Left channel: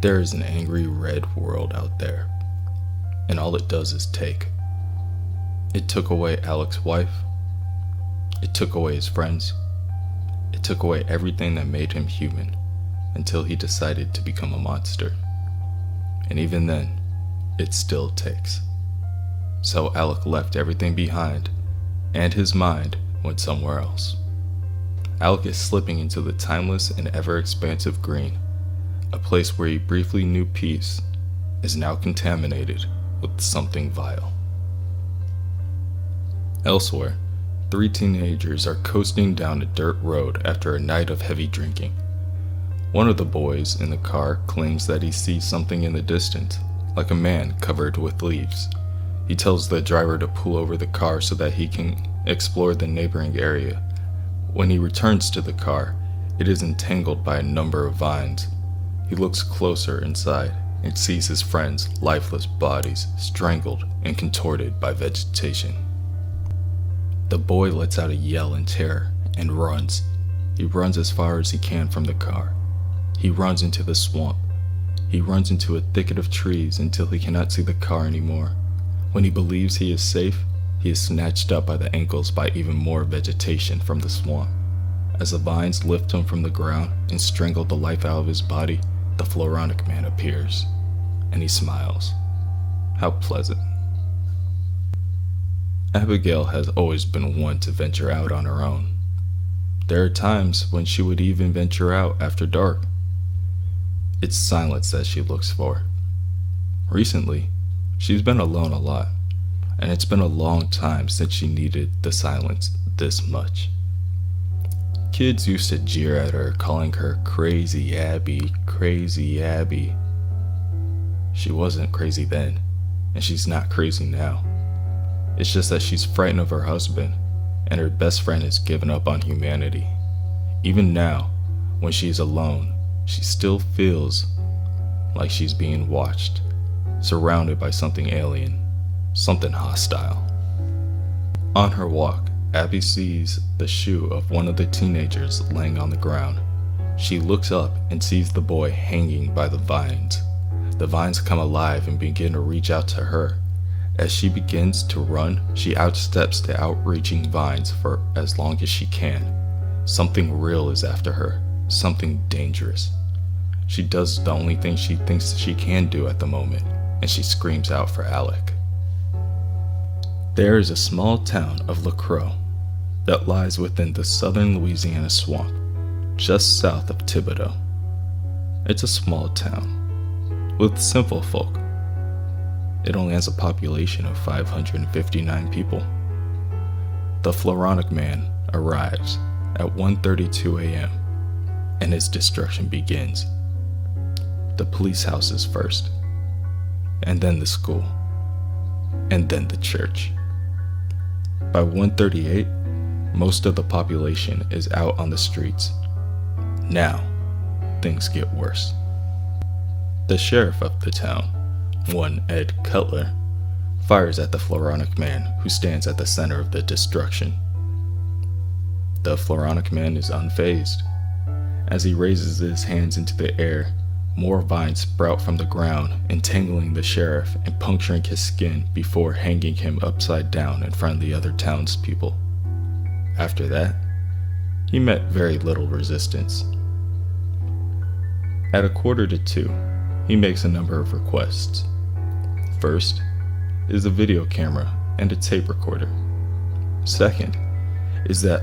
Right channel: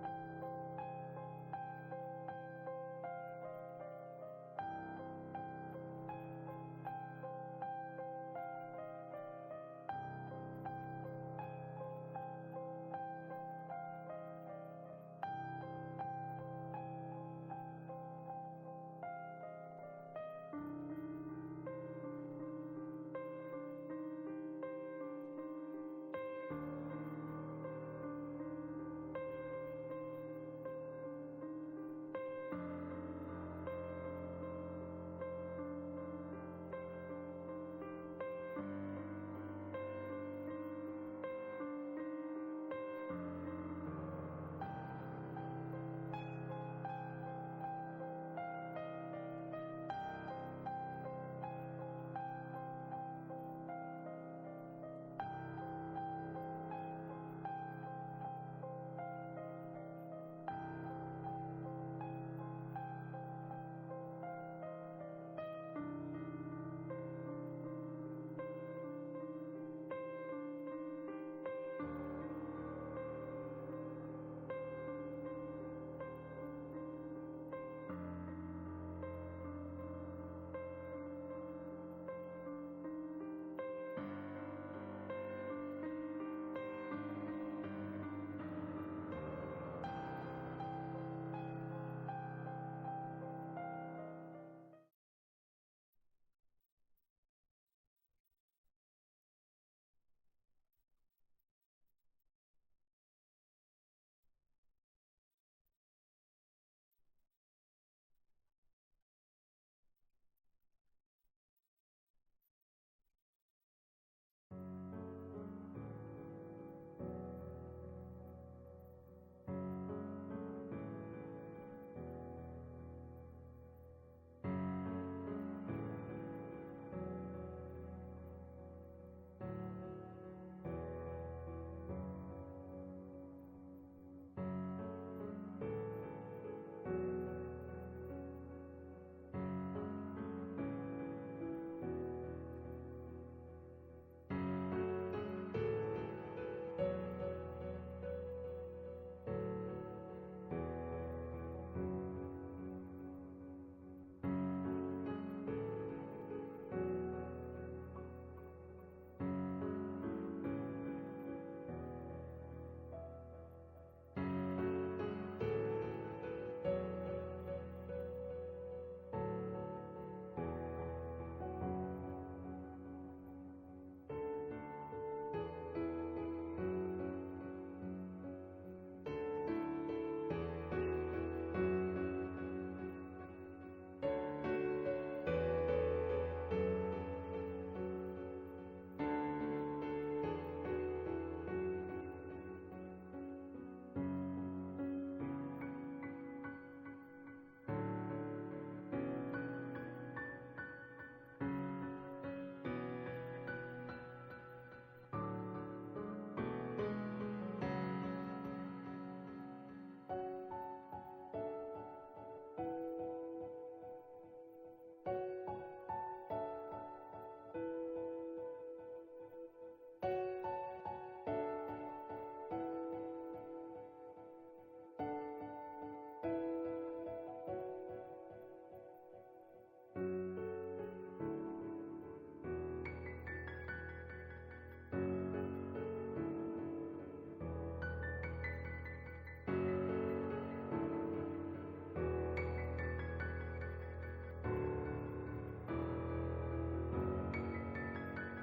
There is an angry red world out there, and all it does is take. It took away Alec's wife. It took away his friends. It took away everything that made him human until he decided to become a monster. And even then, it still takes. So Alec left everything behind, and his mind went somewhere else. Alec is slipping into the timeless and ever-expansive green. A place where he briefly knew peace is now contaminated with something vile. Elsewhere, 3 teenagers are coasting down a dirt road after a night of heavy drinking. One of the boys in the car claims that he sees something in the distance, like a man covered with leaves. He tells the driver to pull over the car so that he can explore the neighboring area. When he returns to the car, it is entangled by a number of vines. He looks closer inside and sees his friends' lifeless bodies strangled and contorted by vegetation. The boy lets out a yell in terror and runs. He runs as far as he can from the car. He runs into the swamp. He runs into a thicket of trees until he cannot see the car anymore. When he believes he is safe, he is snatched up by the ankles by even more vegetation from the swamp. As the vines lift him from the ground and strangle the life out of his body, the Floronic Man appears, and he smiles. How pleasant. Abigail has always been one to venture out on her own. There are times when she would even venture out after dark. It's silence that she looks for. Recently, she's been alone a lot, and it's been a long time since she needed the silence this much. Kids used to jeer at her, calling her Crazy Abby, Crazy Abby. She wasn't crazy then, and she's not crazy now. It's just that she's frightened of her husband, and her best friend has given up on humanity. Even now, when she's alone, she still feels like she's being watched, surrounded by something alien, something hostile. On her walk, Abby sees the shoe of one of the teenagers laying on the ground. She looks up and sees the boy hanging by the vines. The vines come alive and begin to reach out to her. As she begins to run, she outsteps the outreaching vines for as long as she can. Something real is after her, something dangerous. She does the only thing she thinks she can do at the moment, and she screams out for Alec. There is a small town of La Croix that lies within the southern Louisiana swamp, just south of Thibodaux. It's a small town with simple folk. It only has a population of 559 people. The Floronic Man arrives at 1:32 a.m. and his destruction begins. The police house is first, and then the school, and then the church. By 1:38, most of the population is out on the streets. Now, things get worse. The sheriff of the town, one Ed Cutler, fires at the Floronic Man who stands at the center of the destruction. The Floronic Man is unfazed. As he raises his hands into the air, more vines sprout from the ground, entangling the sheriff and puncturing his skin before hanging him upside down in front of the other townspeople. After that, he met very little resistance. At 1:45, he makes a number of requests. First is a video camera and a tape recorder. Second is that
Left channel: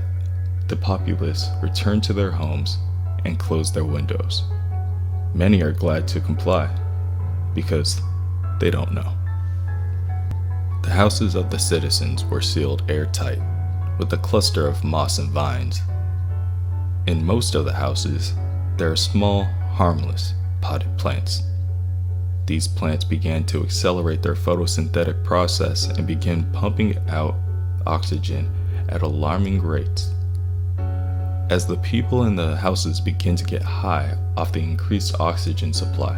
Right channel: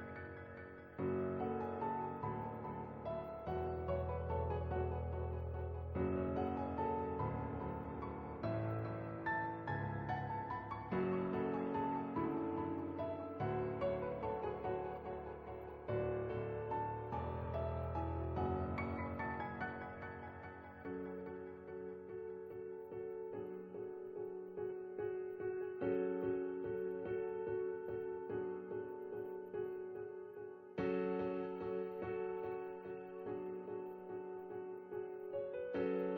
the populace return to their homes and close their windows. Many are glad to comply because they don't know. The houses of the citizens were sealed airtight with a cluster of moss and vines. In most of the houses, there are small, harmless, potted plants. These plants began to accelerate their photosynthetic process and begin pumping out oxygen at alarming rates. As the people in the houses began to get high off the increased oxygen supply,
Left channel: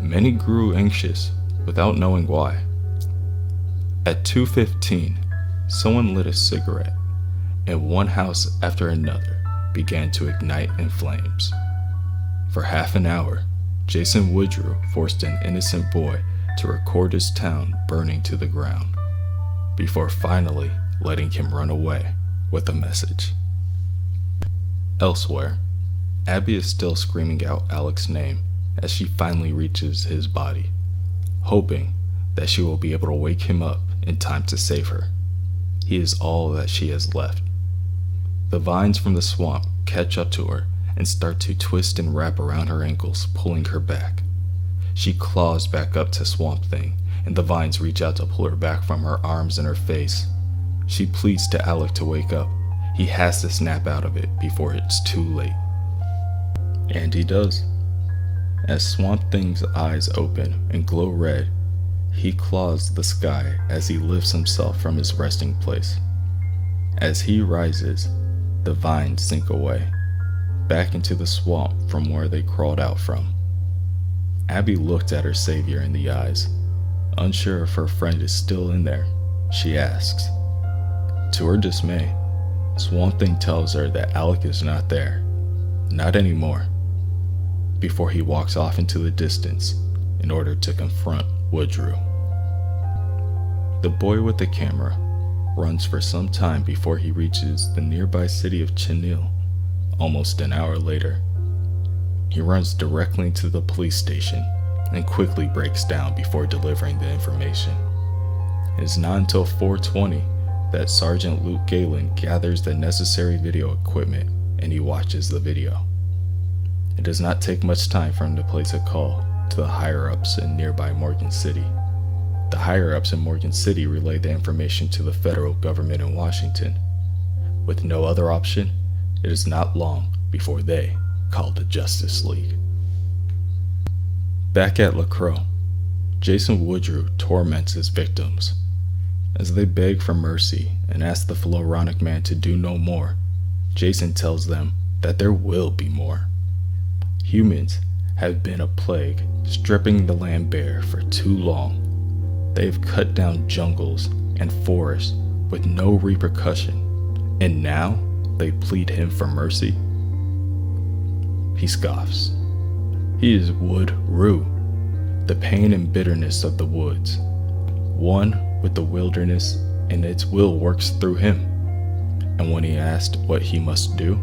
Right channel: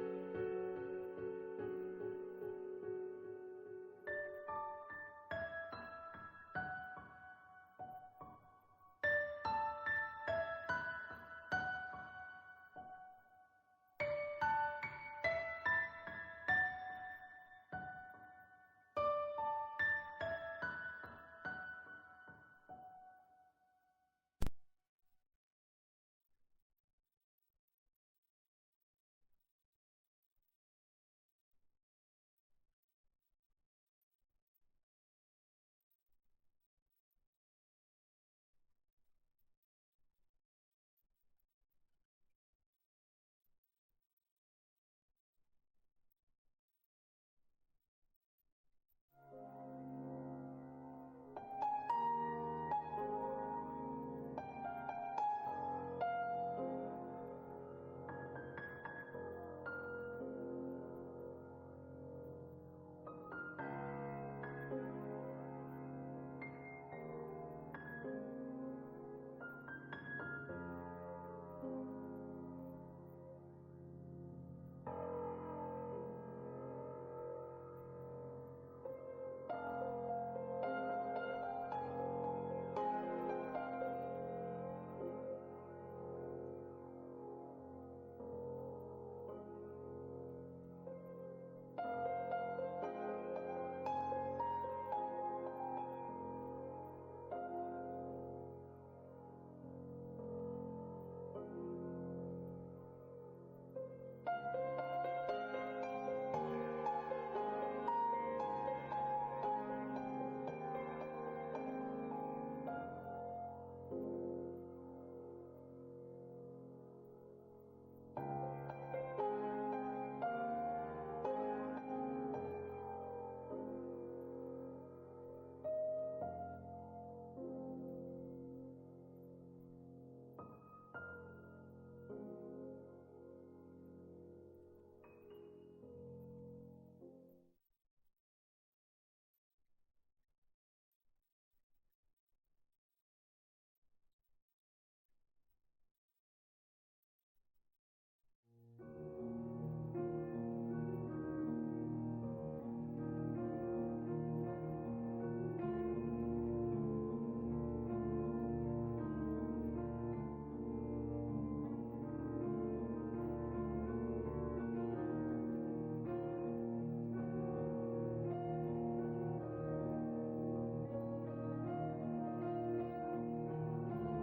many grew anxious without knowing why. At 2:15, someone lit a cigarette, and one house after another began to ignite in flames. For half an hour, Jason Woodrue forced an innocent boy to record his town burning to the ground, before finally letting him run away with a message. Elsewhere, Abby is still screaming out Alec's name as she finally reaches his body, hoping that she will be able to wake him up in time to save her. He is all that she has left. The vines from the swamp catch up to her and start to twist and wrap around her ankles, pulling her back. She claws back up to Swamp Thing, and the vines reach out to pull her back from her arms and her face. She pleads to Alec to wake up. He has to snap out of it before it's too late. And he does. As Swamp Thing's eyes open and glow red, he claws the sky as he lifts himself from his resting place. As he rises, the vines sink away, back into the swamp from where they crawled out from. Abby looked at her savior in the eyes. Unsure if her friend is still in there, she asks. To her dismay, Swamp Thing tells her that Alec is not there. Not anymore. Before he walks off into the distance in order to confront Woodrue. The boy with the camera runs for some time before he reaches the nearby city of Chenille. Almost an hour later, he runs directly to the police station and quickly breaks down before delivering the information. It is not until 4:20 that Sergeant Luke Galen gathers the necessary video equipment and he watches the video. It does not take much time for him to place a call to the higher-ups in nearby Morgan City. The higher-ups in Morgan City relay the information to the federal government in Washington. With no other option, it is not long before they call the Justice League. Back at LaCroix, Jason Woodrue torments his victims. As they beg for mercy and ask the Floronic Man to do no more, Jason tells them that there will be more. Humans have been a plague, stripping the land bare for too long. They have cut down jungles and forests with no repercussion, and now they plead him for mercy. He scoffs. He is Woodrue, the pain and bitterness of the woods, one with the wilderness, and its will works through him. And when he asked what he must do,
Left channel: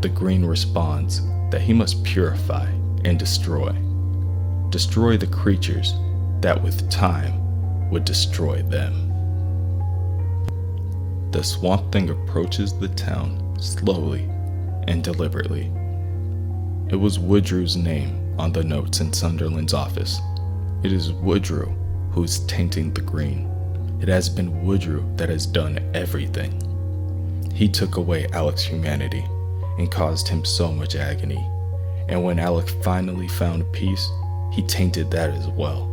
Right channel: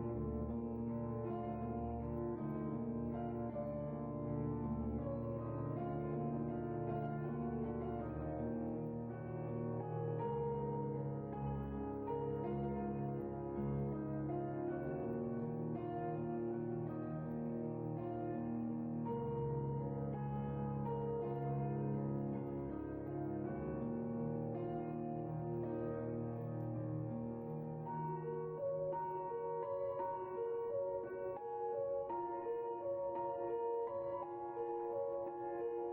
the green responds that he must purify and destroy the creatures that with time would destroy them. The Swamp Thing approaches the town slowly and deliberately. It was Woodrue's name on the notes in Sunderland's office. It is Woodrue who's tainting the green. It has been Woodrue that has done everything. He took away Alec's humanity and caused him so much agony. And when Alec finally found peace, he tainted that as well.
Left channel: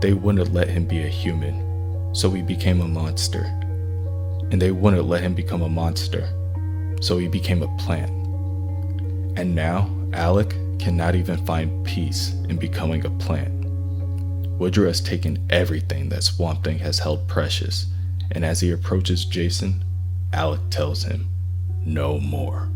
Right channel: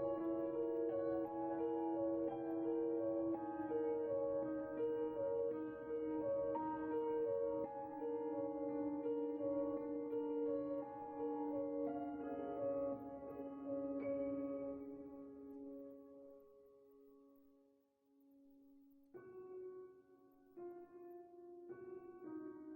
They wouldn't let him be a human, so he became a monster. And they wouldn't let him become a monster, so he became a plant. And now, Alec cannot even find peace in becoming a plant. Woodrue has taken everything that Swamp Thing has held precious, and as he approaches Jason, Alec tells him, no more.